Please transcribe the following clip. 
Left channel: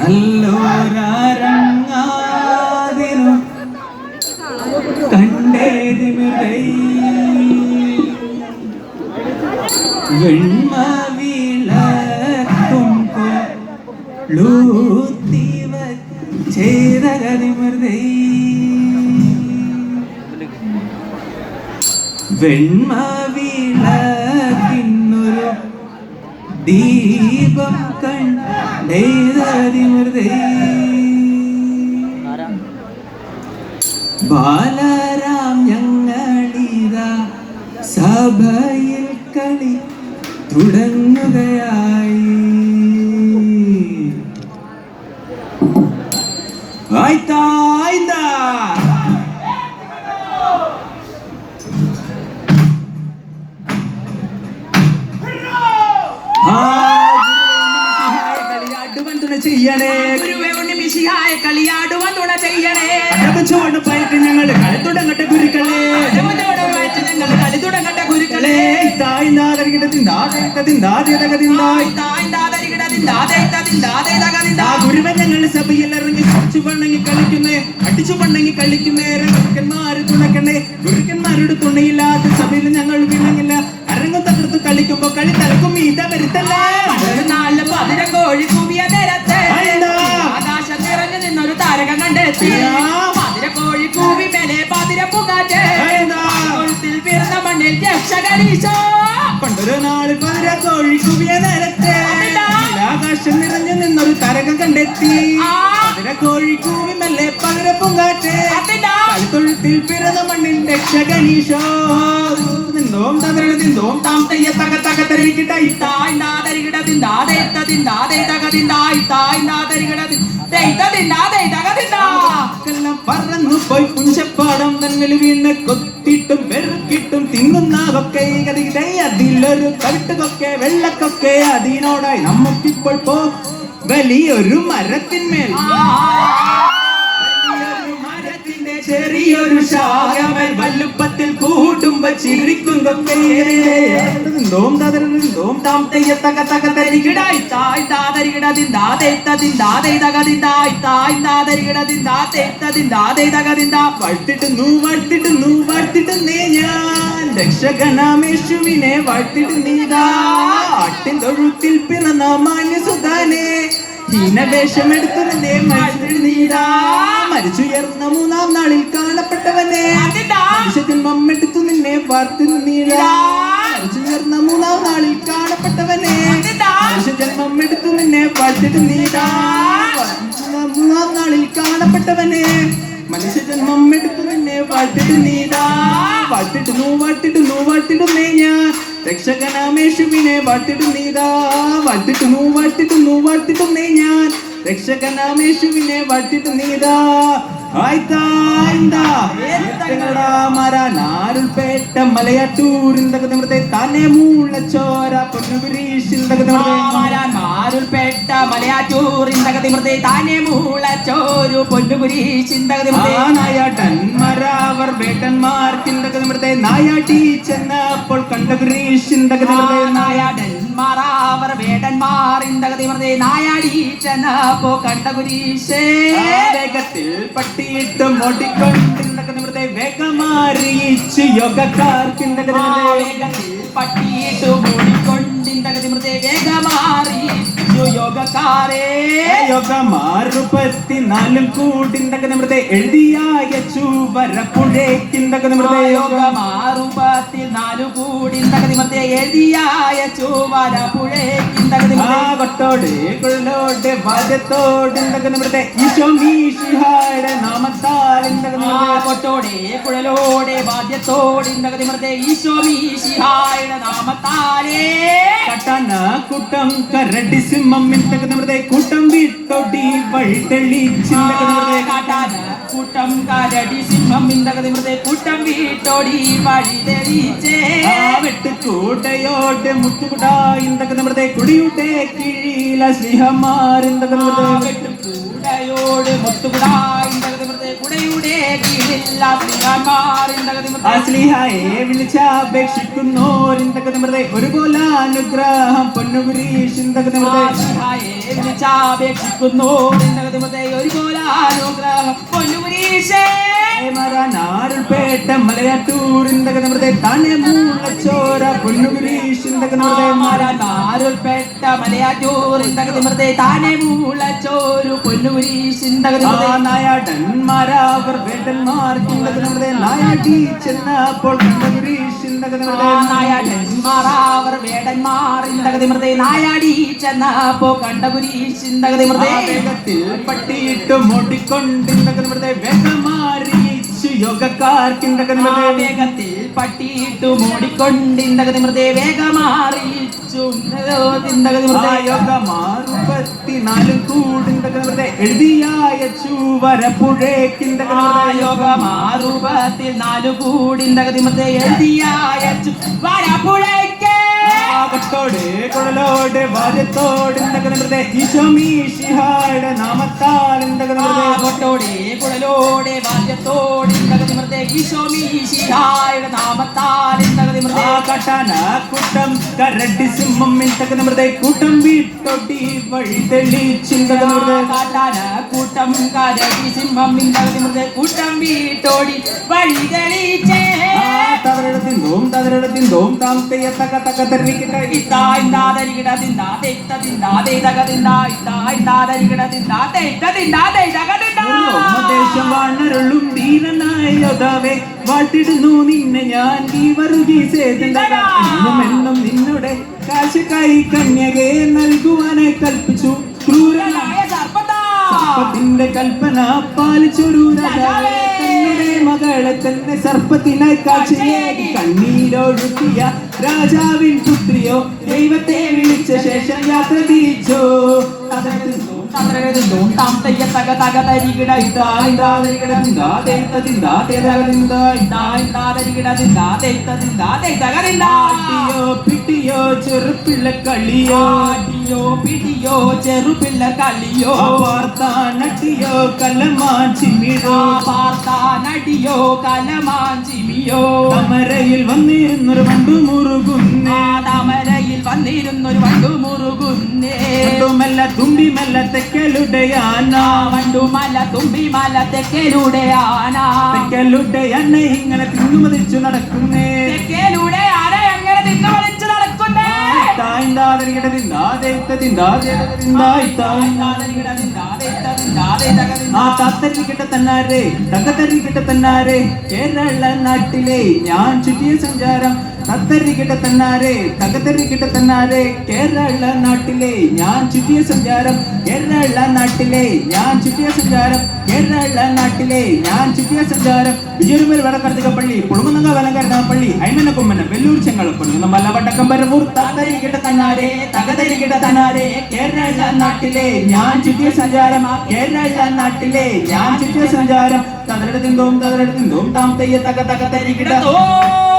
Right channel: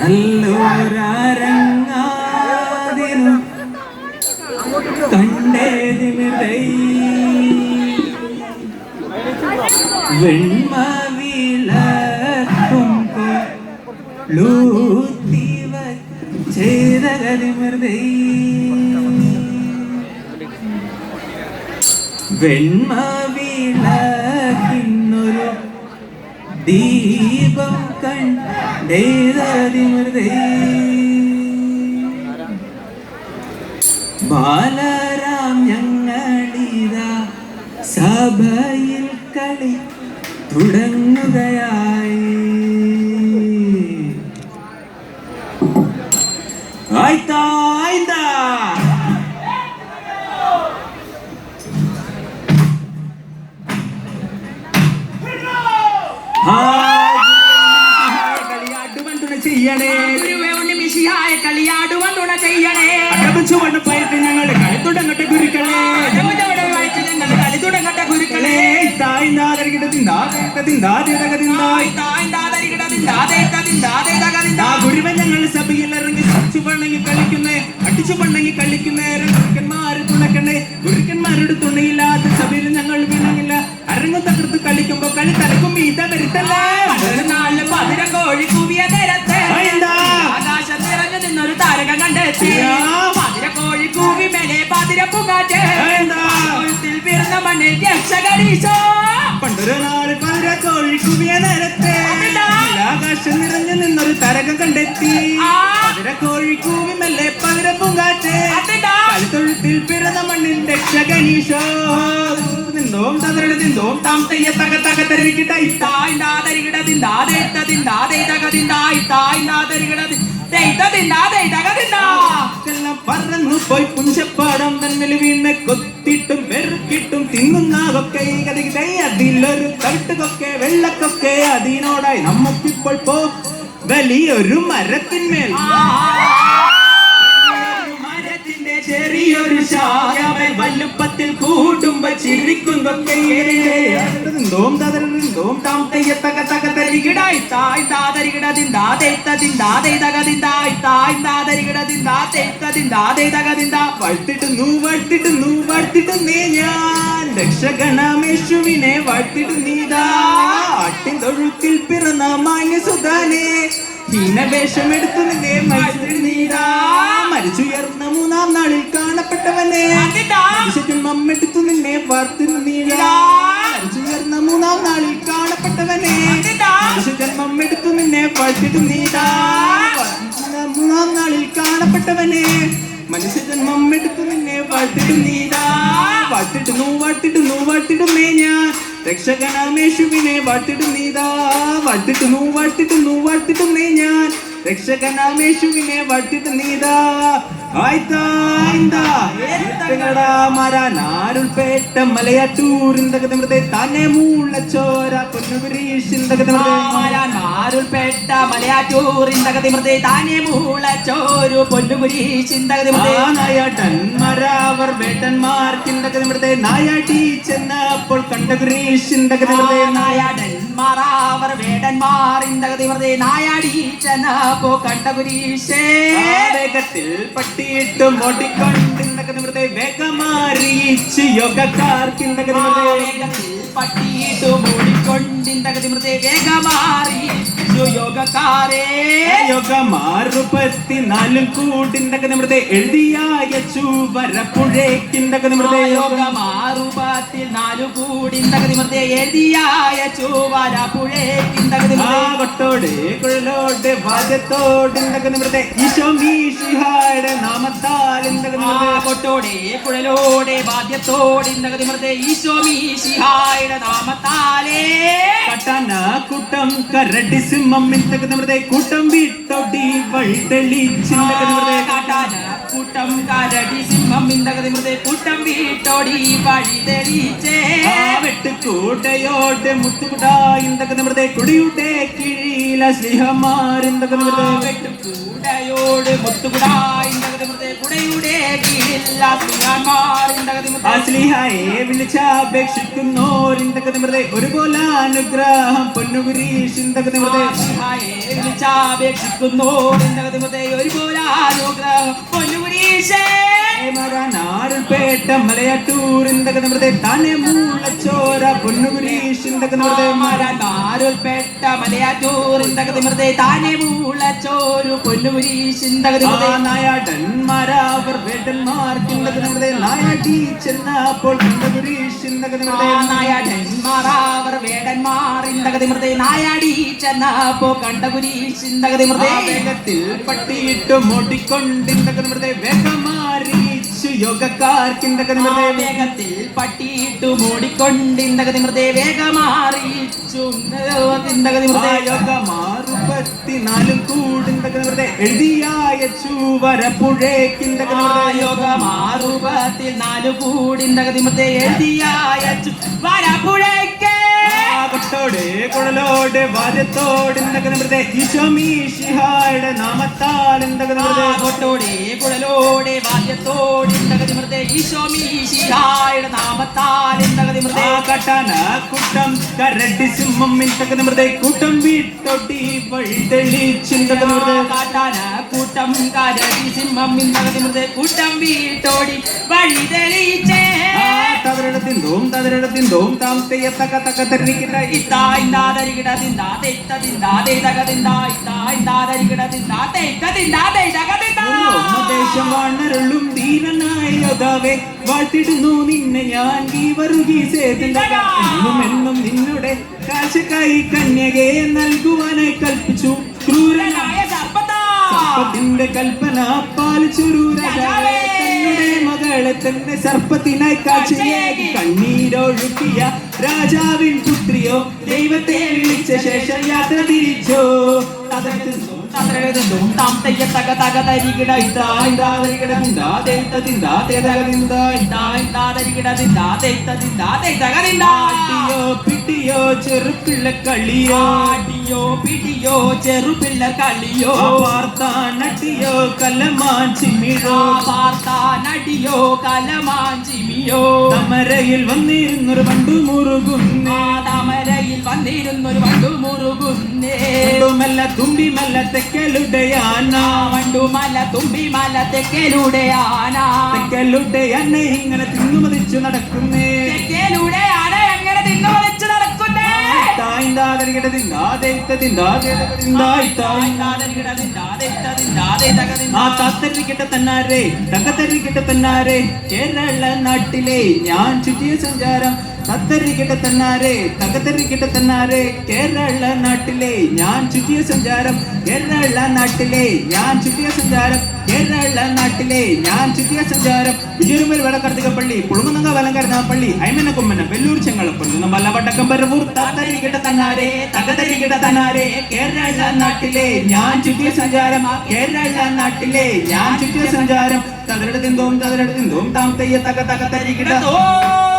നല്ലോരങ്ങാതിരും കണ്ടേതിമിരൈ വെണ്മവിളക്കും ലൂത്തിവ ചെയ്ത കരിമൃതൈ വെണ്മവിളക്കിന്നൊരു ദീപം കണ്ടേതതിമൃതൈ ബാലരാം ഞങ്ങളിതാ സഭയിൽ കളി തുടങ്ങുകയായി. ചെയ്യണേ കളിയാടുവാൻ തുണ ചെയ്യണേ. അടപ്പിച്ചുകൊണ്ട് പോയിട്ട് ഞങ്ങൾ കളി തുടങ്ങട്ടെ ഗുരുക്കളെ, കളി തുടങ്ങട്ടെ ഗുരുക്കളെ. ഗുരുവൻ ഞങ്ങൾ സഭയിൽ ഇറങ്ങി പണങ്ങി കളിക്കുന്നേ, അടിച്ചു പണങ്ങി കളിക്കുന്നേ. ഗുരുക്കന്മാര് തുണക്കണേ, ഗുരുക്കന്മാരുടെ തുണയില്ലാത്ത സഭയിൽ ഞങ്ങൾ വീണങ്ങില്ല. അരങ്ങും തകർത്ത് കളിക്കുമ്പോ കളി തലക്കും ഈത വരുത്തല്ലേ. നാല് പതിര കോഴി കൂവിയ നേരത്തെ ആകാശം നിറഞ്ഞു നിന്നൊരു താരകം കണ്ടെത്തി. പതിര കോഴി കൂവി മേലെ പതിര പുകാറ്റ് വീർന്ന മണ്ണിൽ രക്ഷകരീശോ. പണ്ടൊരു നാള് പതിര കോഴി കൂവിയ നേരത്തെ ആകാശം നിറഞ്ഞു നിന്നൊരു താരകം കണ്ടെത്തി. പതിര കോഴി കൂവി മെല്ലെ പതിര പൂങ്കാറ്റ് കളിത്തൊഴുത്തിൽ പിറന്ന മണ്ണിൽ രക്ഷകരീശോ. ദിന്തോം തകരണ ദിന്തോം താം തയ്യ തക തക തരികിട ഇത്തായ് നാദരികിട ദിന്ദാദേ തദിന്ദാദേ തക ദിന്ദായ് തായ് നാദരികിട ദിന്ദാ ദിന്ദാദേ തക ദിന്ദാ. എല്ലാം പറന്നു പോയി പുഞ്ചപ്പാടം നന്മലി വീണ് കൊത്തിട്ടും വെറുക്കിട്ടും തിന്നുന്നതൊക്കെ അതിലൊരു തവിട്ടുകൊക്കെ വെള്ളക്കൊക്കെ അതിനോടായി നമുക്കിപ്പോൾ പോ വലിയൊരു മരത്തിന്മേൽ ചെറിയൊരു ശാഖമേൽ വല്ലുപ്പത്തിൽ കൂടുമ്പോ ചിരിക്കുന്നൊക്കെ ഞാൻ രക്ഷകണമേശുവിനെ വാഴ്ത്തിടുന്നീതാ. ആട്ടിൻ തൊഴുത്തിൽ പിറന്ന മാന്യസുധാനെ ഹീനവേഷമെടുത്തു നിന്നെ മരിച്ചിടുന്നീതാ. മരിച്ചുയർന്ന മൂന്നാം നാളിൽ കാണപ്പെട്ടവനെ മമ്മെടുത്തു നിന്നെ വാർത്തിരുന്നീടാ. മരിച്ചുയർന്ന മൂന്നാം നാളിൽ കാണപ്പെട്ടവനെ മമ്മെടുത്തു നിന്നെ വാഴ്ത്തിടുന്നീടാ. മൂന്നാം നാളിൽ കാണപ്പെട്ടവനെ മനുഷ്യജന്മം എടുത്തു നിന്നെ വാഴ്ത്തിടുന്നീടാ. വാഴ്ത്തിടുന്നേ ഞാൻ രക്ഷകനാമേശുവിനെ വാഴ്ത്തിടുന്നീടാ. വാഴ്ത്തിടുന്നേ ഞാൻ രക്ഷകനാമേശുവിനെ വാഴ്ത്തിടുന്നീടാ. മാരാനാരുൾപേട്ട മലയാറ്റൂരിന്തകത്തെ താനെ മൂളച്ചോര പൊന്നുപുരീശിന്തകരുൾപേട്ട മലയാറ്റൂരിന്തകത്തെ താനെ മൂളച്ചോരു പൊന്നുപുരീശിന്തകർ വേട്ടന്മാർക്കിന്തകത്തെ നായാട്ടി ചെന്നപ്പോൾ കണ്ടഗുരീശിന്തകത്തെ നായാടന്മാർ വേടന്മാർ ഇന്തകത്തെ നായാടി ചെന്നപ്പോ കണ്ടഗുരീശേ. വേഗത്തിൽ പട്ടിയിട്ടും ഓടിക്കൊണ്ടിരുന്നകത്തെ വേഗമാറിയിച്ച് യോഗക്കാർക്കിന്തകത്തെ വേഗത്തിൽ പട്ടിയിട്ടും ഓടിക്കൊണ്ടിരുന്നകത്തെ വേഗമാറി യോഗക്കാരെ. യോഗമാറുപത്തിനാലും കൂട്ടിന്തകത്തെ എഴുതിയച്ചു വരപ്പുഴേക്കിന്തകത്തെ യോഗമാറുപത്തിനാലു കൂടിന്തകത്തെ എഴുതിയച്ചു വരപ്പുഴേക്കിന്തകത്തെ കൊട്ടോടെ കൊള്ളോടെ വാദ്യത്തോടെ ഈശോയുടെ നാമത്താൽ കൊട്ടോടെ കുഴലോടെ വാദ്യത്തോടെ ഈശോയുടെ നാമത്താലേ. കട്ടന കൂട്ടം കരടി സിംഹത്തെ കൂട്ടം വിട്ടോടി വഴിതെളിച്ചിന്തകത്തെ കാട്ടാന കൂട്ടം കരടി സിംഹം കൂട്ടം വിട്ടോടി വഴിതെളിച്ചേ. വെട്ടുകൂടയോടെ മുട്ടുകുടാ ഇന്തകത്തെ കുടിയുടെ കീഴില സ്നേഹമാറിന്തകോട് മുട്ടുകുടാ ഇന്തകത്തെ കുടിയുടെ കീഴില സ്നേഹമാറിന്തകത്തെ വിളിച്ചപേക്ഷിക്കുന്നോരിന്തകത്തെ ഒരുപോലെ അനുഗ്രഹം പൊന്നുകുരീഷിന്തകത്തെ വിളിച്ചാപേക്ഷിക്കുന്നു ഒരുപോലെ അനുഗ്രഹം പൊന്നുരീശേ മാരാനാരുൾപേട്ട മലയാറ്റൂരിന്റെ താനെ മൂളച്ചോര പൊന്നുകുരീഷിന്റെ മാരാൻമാരുൾപെട്ട മലയാറ്റൂരിന്റെ താനെ മൂളച്ചോരു പൊന്നുരീശിന്റെ നായാടന്മാരാവർ വേട്ടന്മാർക്കിന്റെ നായടി ചെന്നപ്പോൾ നായാടന്മാരാവർ വേടന്മാറിന്റെ നായാടി ചെന്നപ്പോ കണ്ടകുരീശിന്റെ വേഗത്തിൽ പട്ടിയിട്ട് മോട്ടിക്കൊണ്ടിന്റെ വേഗമാറി യോഗക്കാർക്കിന്റെ വേഗത്തിൽ പട്ടിയിട്ട് മൂടിക്കൊണ്ടിന്റെ വേഗമാറിയിച്ചു യോഗമാറുപത്തിനാലും കൂടിന്റെ എഴുതിയായ ചൂവരപ്പുഴേക്കിന്റെ യോഗമാറുപത്തിൽ 4 കൂടിന്റെ എഴുതിയായ വരപ്പുഴയ്ക്ക് ോടെ കുഴലോടെ വാരത്തോടെ ഈശോമീഷിഹായുടെ നാമത്താലിന്റെ കൊട്ടോടെ കുഴലോടെ വാദ്യത്തോടെ ഈശോമീഷിഹായുടെ നാമത്താലിന്റെ കട്ടാന കൂട്ടം കരടി സിംഹം കൂട്ടം വീട്ടൊടി വഴി തെളിച്ചിന്റെ കാട്ടാന കൂട്ടം കരടി സിംഹം കൂട്ടം വീട്ടോടി വഴി തെളിച്ചേ തവരടത്തിന്തോം താമസത്തെ തക്ക തക്ക തെരഞ്ഞിട്ട് ദേശമാണരുളും ദീനനായ യോദ്ധാവേ വാഴ്ത്തിടുന്നു നിന്നെ ഞാൻ ഈ എന്നും എന്നും നിന്നുടെ കാശക്കായി കന്യകെ നൽകുവാനായി കൽപ്പിച്ചു ക്രൂരനായ സർപ്പത്തിന്റെ കൽപ്പന പാലിച്ചൊരു രാജാവേ മകളെ തന്നെ സർപ്പത്തിനായി കാഴ്ചയായി കണ്ണീരൊഴുക്കിയ രാജാവിൻ പുത്രിയോ ദൈവത്തെ വിളിച്ച ശേഷം യാത്ര തിരിച്ചോ പിട്ടിയോ ചെറുപ്പിള്ള കളിയോ പിടിയോ ചെറുപിള്ള കളിയോ നട്ടിയോ കലമാൻ ചിമ്മിയോ നടിയോ കലമാൻ ചിമിയോ തമരയിൽ വന്നിരുന്നൊരു പണ്ടു മുറുകുന്നേ തമരയിൽ വന്നിരുന്നൊരു പണ്ടു മുറുകുന്നേ മല്ല തുമ്പി മല്ല തെക്കലുടെ ആന വണ്ടുമല തുമ്പി മല തെക്കലുടെ ആന തെക്കലുടെ ആന ഇങ്ങനെ തിന്നുമതിച്ചു നടക്കുന്നേ തെക്കലുടെ ആന എങ്ങനെ തിന്നുമതിച്ചു നടക്കുന്നേ തന്നാരെ കേരള നാട്ടിലെ ഞാൻ ചുറ്റിയ സഞ്ചാരം തത്തരികിട്ട തന്നാരെ കേരള നാട്ടിലെ ഞാൻ ചുറ്റിയ സഞ്ചാരം കേരള നാട്ടിലെ ഞാൻ ചുറ്റിയ സഞ്ചാരം ഇജുരുമൽ വടക്കർത്തികപ്പള്ളി പുളുങ്ങുന്നങ്ങ വലങ്കരണപ്പള്ളി അയ്മന കൊമ്മന വെല്ലൂർ ചെങ്ങളപ്പള്ളി നമ്മ വടക്കം പരവൂർ തത്തരികിട്ട തന്നാരെ കേരള നാട്ടിലെ ഞാൻ ചുറ്റിയ സഞ്ചാരം തകരെടുത്തും താം തെയ്യ തക തക തരികിട